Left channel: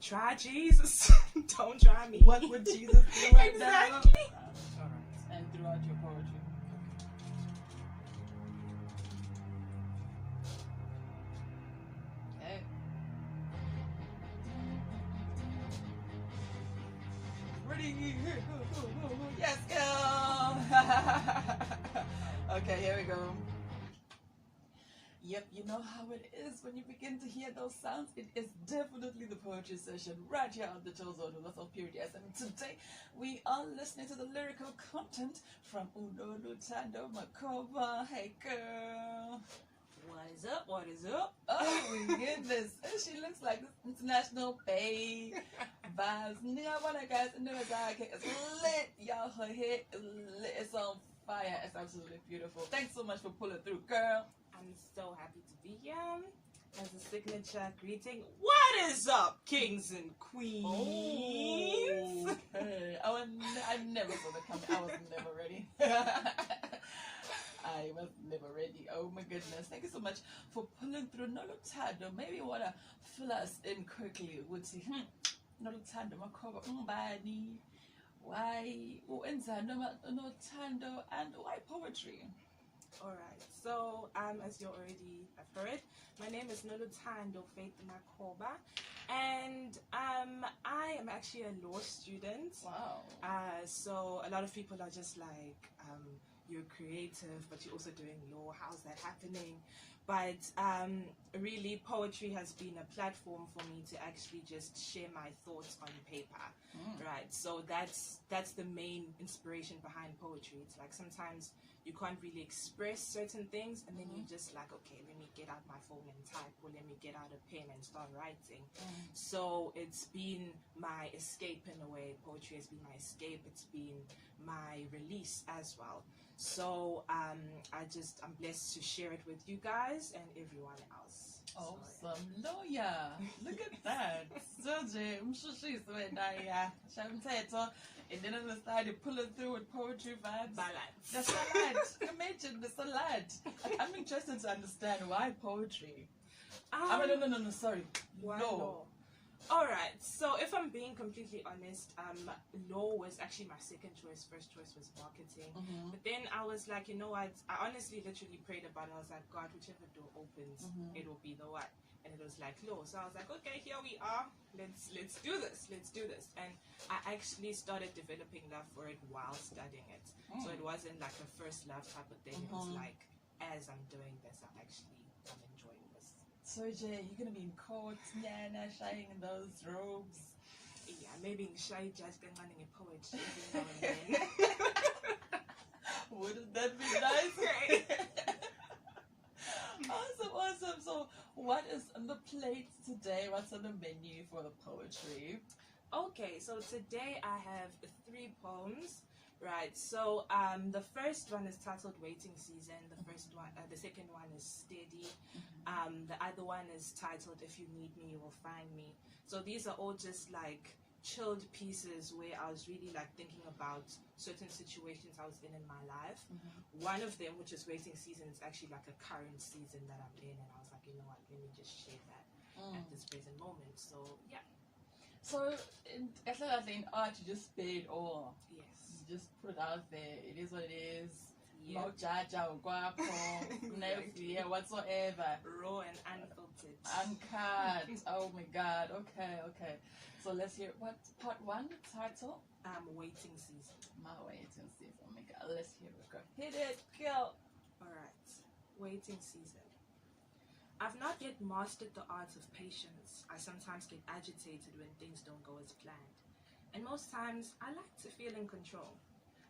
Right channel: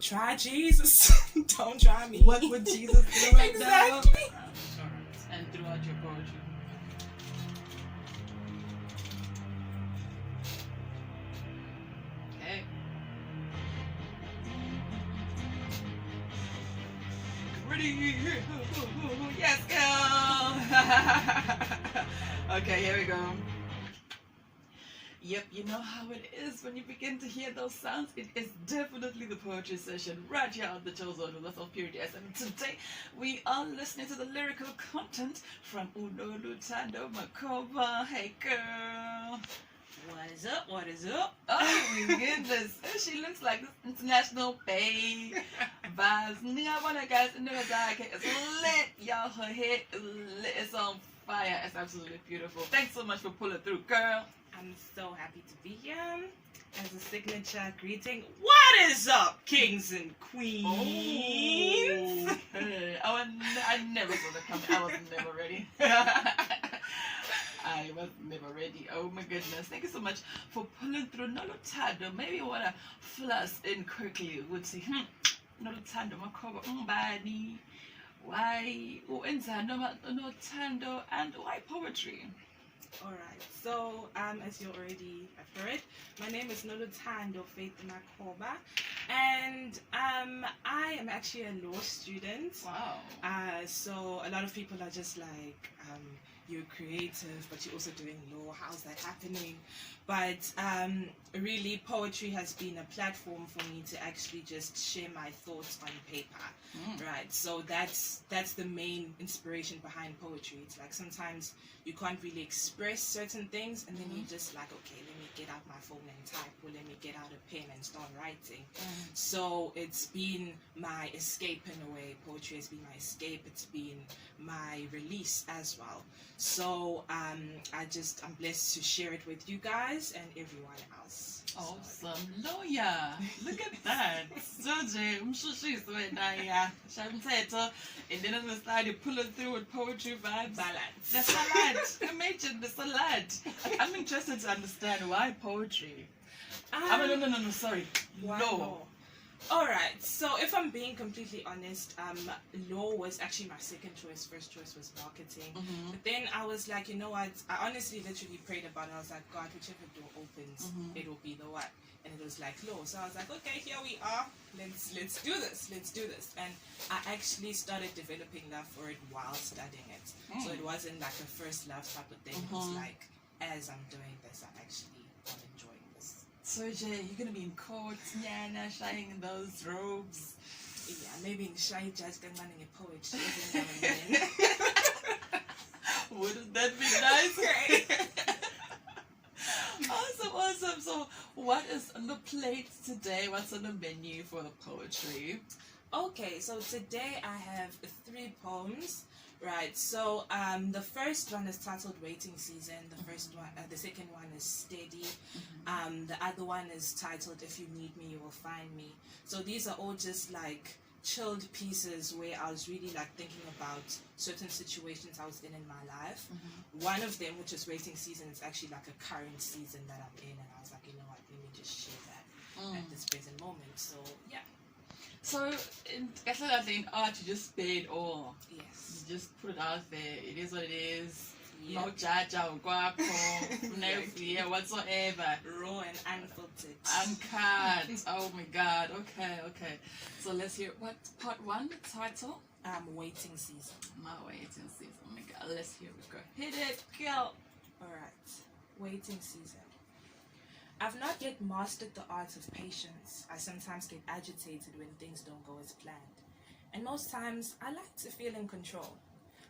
Try Jesus. Don't try me. What would Jesus do right now? Exactly. Alright, and throughout your poetry. Okay. Ready? Yes, girl! Okay, here we go. Yep, you know how it is when you begin to hear those sounds. It is definitely the poetry session right here on the Chill Zone with myself, Purity S. And today we are listening to the lyrical content from Unoluthando Makoba. Hey, girl. What is up? What is up? Oh my goodness. She looks like this international bae. Vibes. Ningabona guys, it's lit. Y'all, her head is lit. It's on fire. It's absolutely beautiful. Thanks so much for pulling through, girl. I'm so happy to be here. As a signature greeting, what is up, kings and queens? Oh, hey. I never saw that coming. I was never ready. I was never ready. Oh my goodness. Thank you so much for pulling through. Noluthando. Maybe you want to fill us in quickly. Would say, Noluthando Makoba Mbani. Why Uenzani Nothando and why poetry? Alright, so as you already have heard, my name is Noluthando Faith Makoba, and I am actually a law student. Wow. So a lot of people are just like, you're creative, but you're also doing law. How's that happening? But really, poetry has been a platform for me to actually just share my thoughts on paper, right? So that's the main inspiration behind poetry. It's like sometimes you can't really express certain things, and then you're just like, okay, let me get out my phone and type, or let me get out a pen and start writing. So it's been my escape in a way. Poetry has been my escape. It's been my release as well. So I'm blessed to share it with you guys and everyone else. Awesome lawyer. Look at that. Soje umshushisi wena ya. Shamthetho. And then on the side you pull it through with poetry vibes. Balance. The salad. Imagine the salad. I'm interested to understand why poetry. No, sorry. Why Law. law? Alright, so if I'm being completely honest, law was actually my second choice. First choice was marketing. But then I was like, you know what? I honestly literally prayed about it. I was like, God, whichever door opens, it'll be the one. And it was like law. So I was like, okay, here we are. Let's do this. Let's do this. And I actually started developing love for it while studying it. So it wasn't like a first love type of thing. It was like, as I'm doing this, I'm enjoying this. So Jay, you're gonna be in court, Nyana, shining in those robes. Yeah, maybe shy judge can run in a poetry every now and then. Wouldn't that be nice? Awesome. So what is on the plate today? What's on the menu for the poetry? Okay, so today I have 3 poems. Right, so the first one is titled Waiting Season. The second one is Steady. The other one is titled If You Need Me, You Will Find Me. So these are all just like chilled pieces where I was really like thinking about certain situations I was in my life. One of them, which is Waiting Season, is actually like a current season that I'm in, and I was like, you know what, let me just share that at this present moment. So yeah. So in art, you just spare it all. Yes. You just put it out there. It is what it is. Yeah. No jaja or guapo, no fear whatsoever. Raw and unfiltered. Uncut. Oh my god. Okay. So let's hear what part 1 title? Waiting Season. My waiting season. Oh my god. Let's hear it. Go. Hit it, girl. Alright. Waiting Season. I've not yet mastered the art of patience. I sometimes get agitated when things don't go as planned. And most times, I like to feel in control.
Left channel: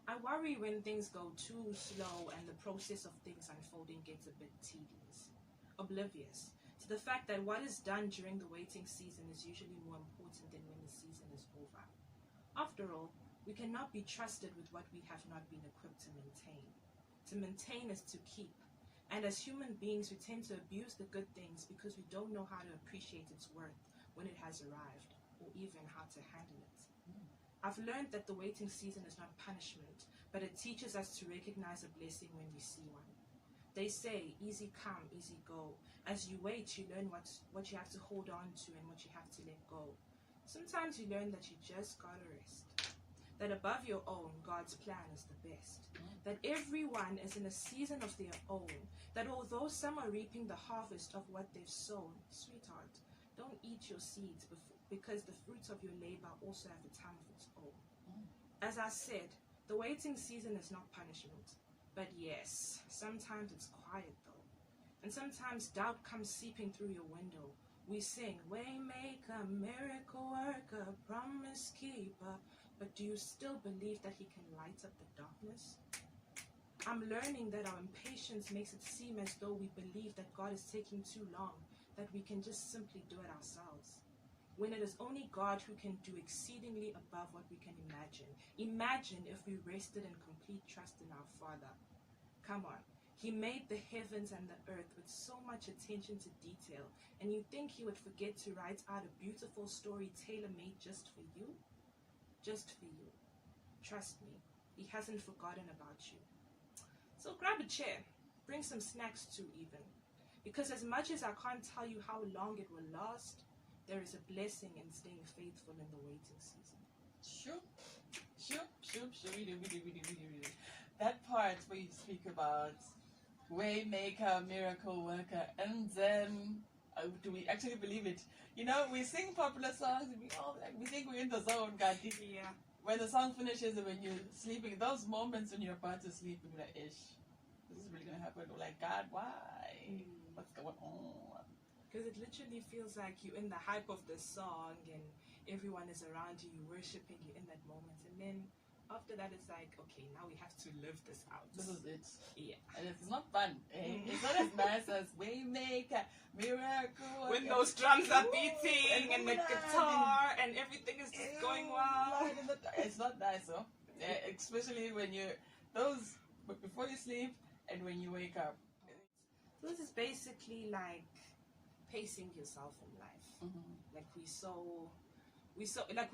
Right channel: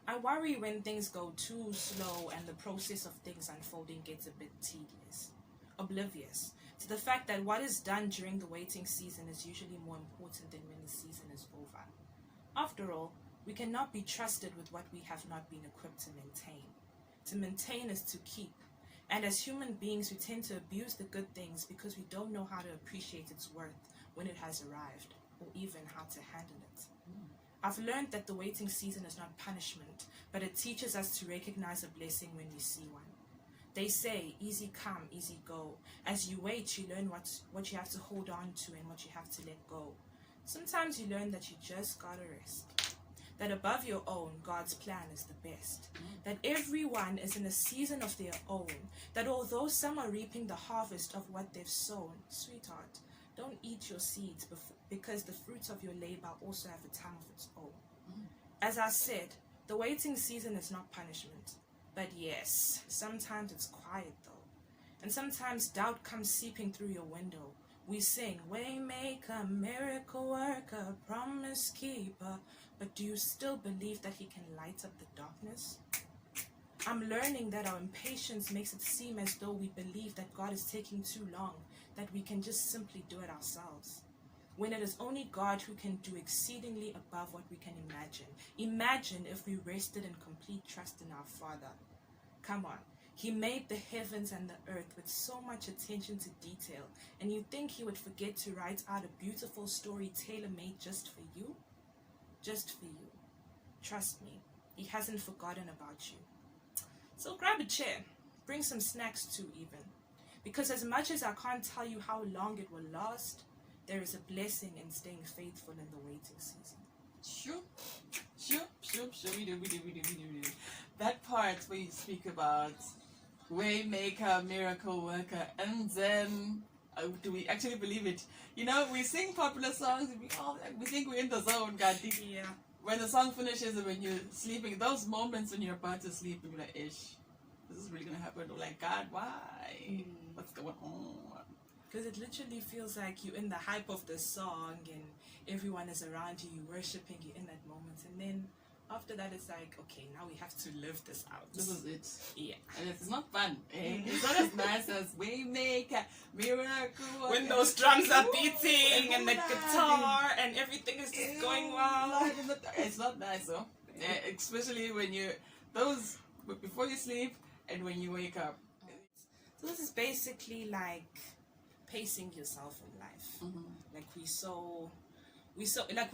I worry when things go too slow and the process of things unfolding gets a bit tedious. Oblivious to the fact that what is done during the waiting season is usually more important than when the season is over. After all, we cannot be trusted with what we have not been equipped to maintain. To maintain is to keep. And as human beings, we tend to abuse the good things because we don't know how to appreciate its worth when it has arrived, or even how to handle it. I've learned that the waiting season is not punishment, but it teaches us to recognize a blessing when we see one. They say, easy come, easy go. As you wait, you learn what you have to hold on to and what you have to let go. Sometimes you learn that you just gotta rest. That above your own, God's plan is the best. That everyone is in a season of their own. That although some are reaping the harvest of what they've sown, sweetheart, don't eat your seeds because the fruits of your labor also have a time of its own. As I said, the waiting season is not punishment. But yes, sometimes it's quiet though. And sometimes doubt comes seeping through your window. We sing, Waymaker, miracle worker, promise keeper. But do you still believe that he can light up the darkness? I'm learning that our impatience makes it seem as though we believe that God is taking too long, that we can just simply do it ourselves. When it is only God who can do exceedingly above what we can imagine. Imagine if we rested in complete trust in our Father. Come on. He made the heavens and the earth with so much attention to detail, and you think he would forget to write out a beautiful story tailor-made just for you? Just for you. Trust me, he hasn't forgotten about you. So grab a chair, bring some snacks too even, because as much as I can't tell you how long it will last, there is a blessing in staying faithful in the waiting season. Sure. That part where you speak about Waymaker, miracle worker, and then do we actually believe it? You know, we sing popular songs and we think we're in the zone, Gandhi. Yeah. When the song finishes and when you're sleeping, those moments when you're about to sleep, you're like, ish, this is really gonna happen. Or like, God, why? What's going on? Because it literally feels like you're in the hype of the song and everyone is around you, you're worshiping, you're in that moment. And then after that, it's like, okay, now we have to live this out. This is it. Yeah. And it's not fun. It's not as nice as Waymaker, miracle. When those drums are beating and the guitar and everything is just going wild. It's not nice, though. Especially when before you sleep and when you wake up. So this is basically like pacing yourself in life. Like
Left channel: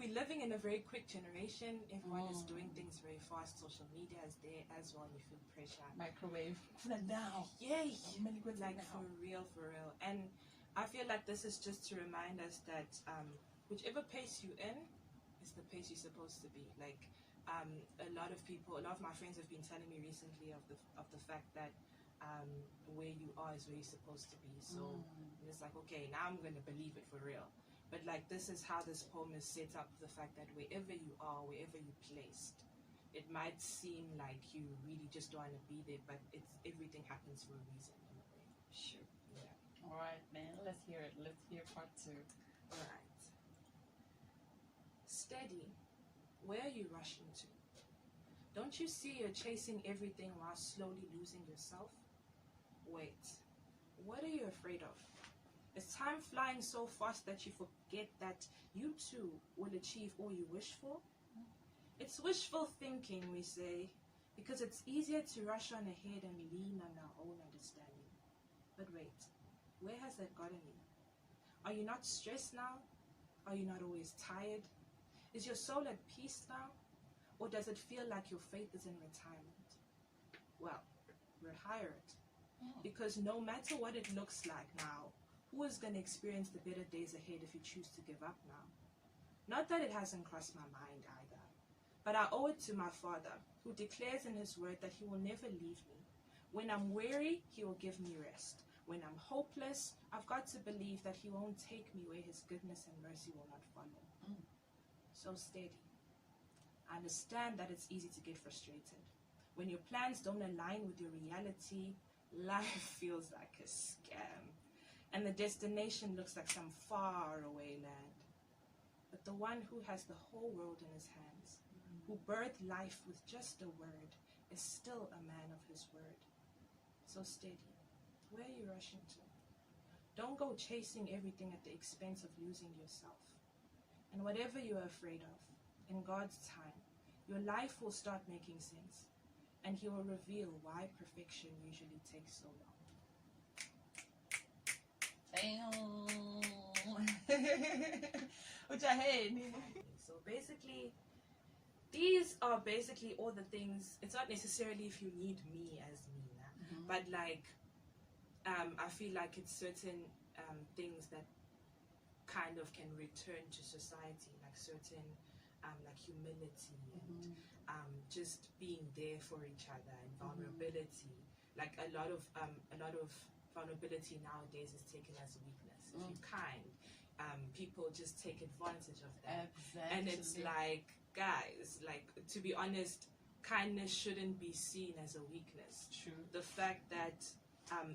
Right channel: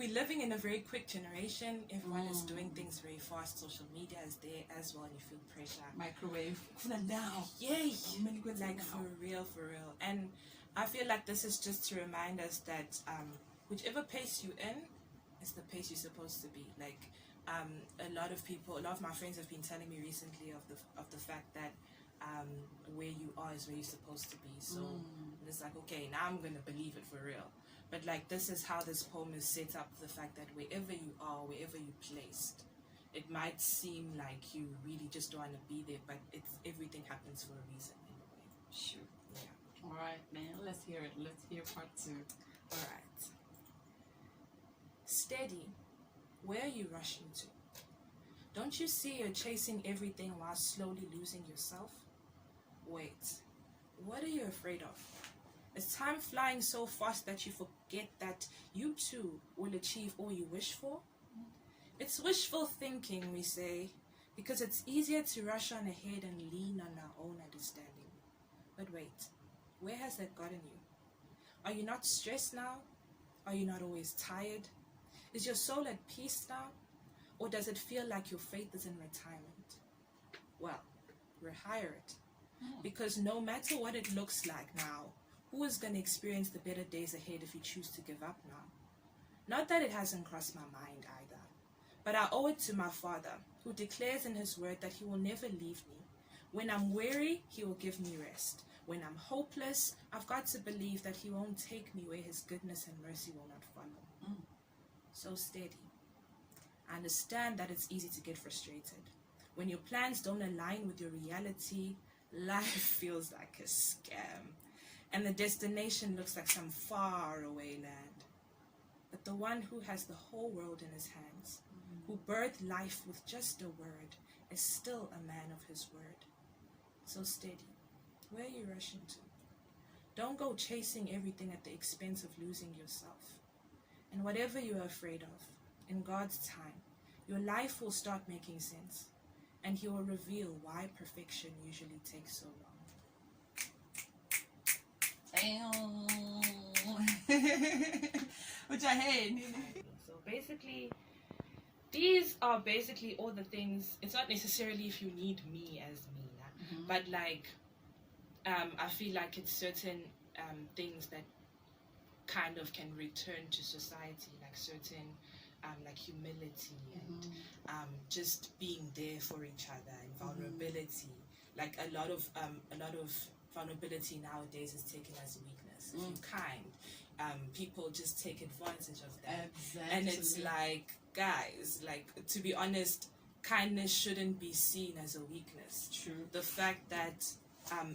we're living in a very quick generation. Everyone is doing things very fast. Social media is there as well, and you feel pressure. Microwave. Now. Yay! Like for real. And I feel like this is just to remind us that whichever pace you're in is the pace you're supposed to be. Like a lot of my friends have been telling me recently of the fact that where you are is where you're supposed to be. So it's like, okay, now I'm gonna believe it for real. But like this is how this poem is set up, the fact that wherever you are, wherever you're placed, it might seem like you really just don't want to be there, but everything happens for a reason in a way. Sure. Yeah. Alright, man, let's hear it. Let's hear part 2. Alright. Steady. Where are you rushing to? Don't you see you're chasing everything while slowly losing yourself? Wait. What are you afraid of? Is time flying so fast that you forget that you too will achieve all you wish for? It's wishful thinking, we say, because it's easier to rush on ahead and lean on our own understanding. But wait, where has that gotten you? Are you not stressed now? Are you not always tired? Is your soul at peace now? Or does it feel like your faith is in retirement? Well, rehire it. Because no matter what it looks like now, who is going to experience the better days ahead if you choose to give up now? Not that it hasn't crossed my mind either, but I owe it to my Father, who declares in his word that he will never leave me. When I'm weary, he will give me rest. When I'm hopeless, I've got to believe that he won't take me where his goodness and mercy will not follow. So steady. I understand that it's easy to get frustrated. When your plans don't align with your reality, life feels like a scam. And the destination looks like some faraway land. But the one who has the whole world in his hands, who birthed life with just a word, is still a man of his word. So steady. Where are you rushing to? Don't go chasing everything at the expense of losing yourself. And whatever you're afraid of, in God's time, your life will start making sense, and he will reveal why perfection usually takes so long. Which I hate. So basically, these are basically all the things. It's not necessarily if you need me as me, but like I feel like it's certain things that kind of can return to society, like certain like humility and just being there for each other and vulnerability. Like a lot of vulnerability nowadays is taken as weakness. If you're kind, people just take advantage of that. Exactly. And it's like, guys, like, to be honest, kindness shouldn't be seen as a weakness. True. The fact that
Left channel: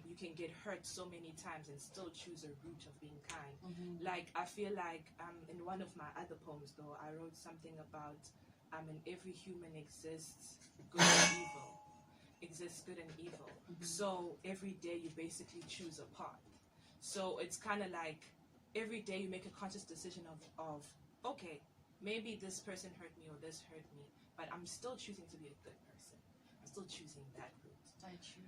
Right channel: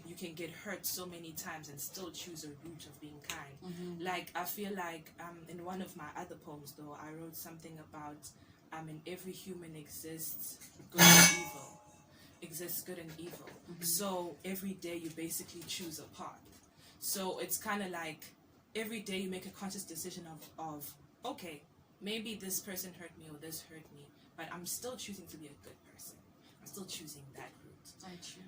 you can get hurt so many times and still choose a route of being kind. Like, I feel like in one of my other poems, though, I wrote something about in every human exists good and evil. Exists good and evil. So every day you basically choose a path. So it's kind of like every day you make a conscious decision of okay, maybe this person hurt me or this hurt me, but I'm still choosing to be a good person. I'm still choosing that route. I choose.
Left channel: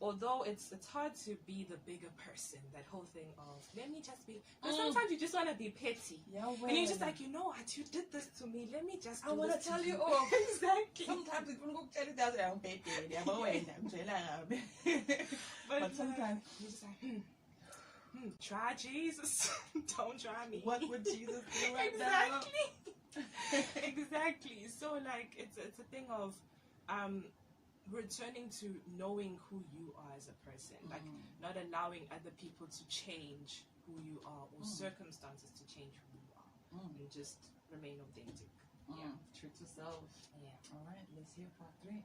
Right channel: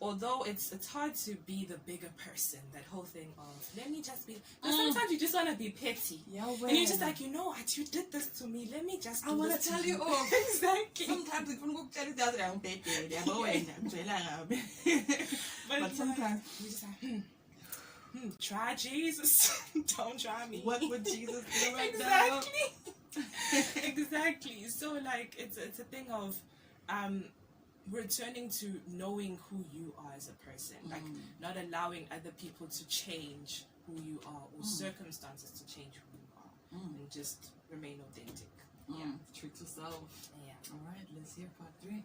Although it's hard to be the bigger person, that whole thing of let me just be. Because sometimes you just want to be petty, Yeah, and you're just like, you know what, you did this to me. Let me just. I want to tell you off. Exactly. Sometimes we can go tell you that I'm but sometimes you just like, try Jesus. Don't try me. What would Jesus do right exactly. Exactly. So like it's a thing of returning to knowing who you are as a person, like not allowing other people to change who you are or circumstances to change who you are, and just remain authentic. Yeah. True to self. Yeah. All right, let's hear part 3.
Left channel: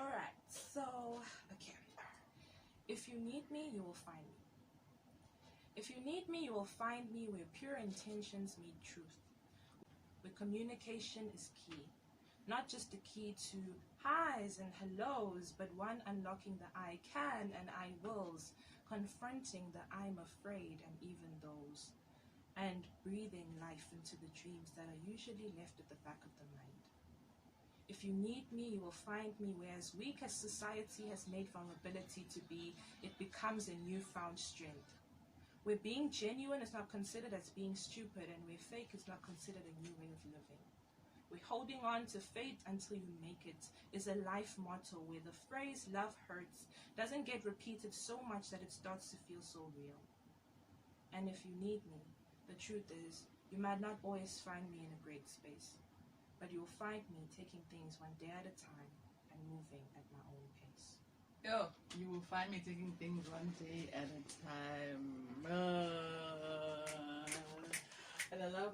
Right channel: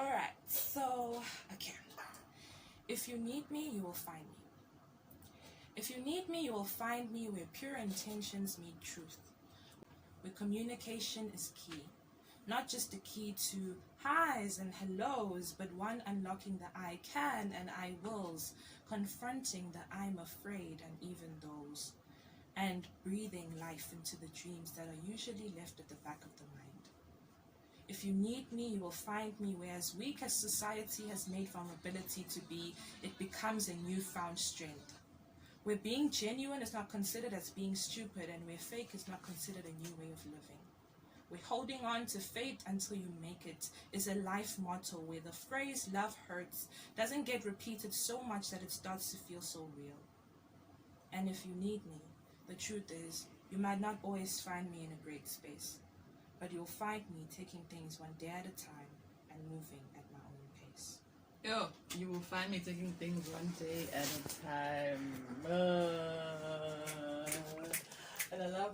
All right. So okay. If you need me, you will find me. If you need me, you will find me where pure intentions meet truth, where communication is key. Not just the key to highs and hellos, but one unlocking the I can and I wills, confronting the I'm afraid and even those, and breathing life into the dreams that are usually left at the back of the mind. If you need me, you will find me where, as weak as society has made vulnerability to be, it becomes a newfound strength. Where being genuine is not considered as being stupid, and where fake is not considered a new way of living. Where holding on to fate until you make it is a life motto, where the phrase love hurts doesn't get repeated so much that it starts to feel so real. And if you need me, the truth is, you might not always find me in a great space, but you'll find me taking things one day at a time and moving at my own pace. Yo, you will find me taking things one day at a time. And I love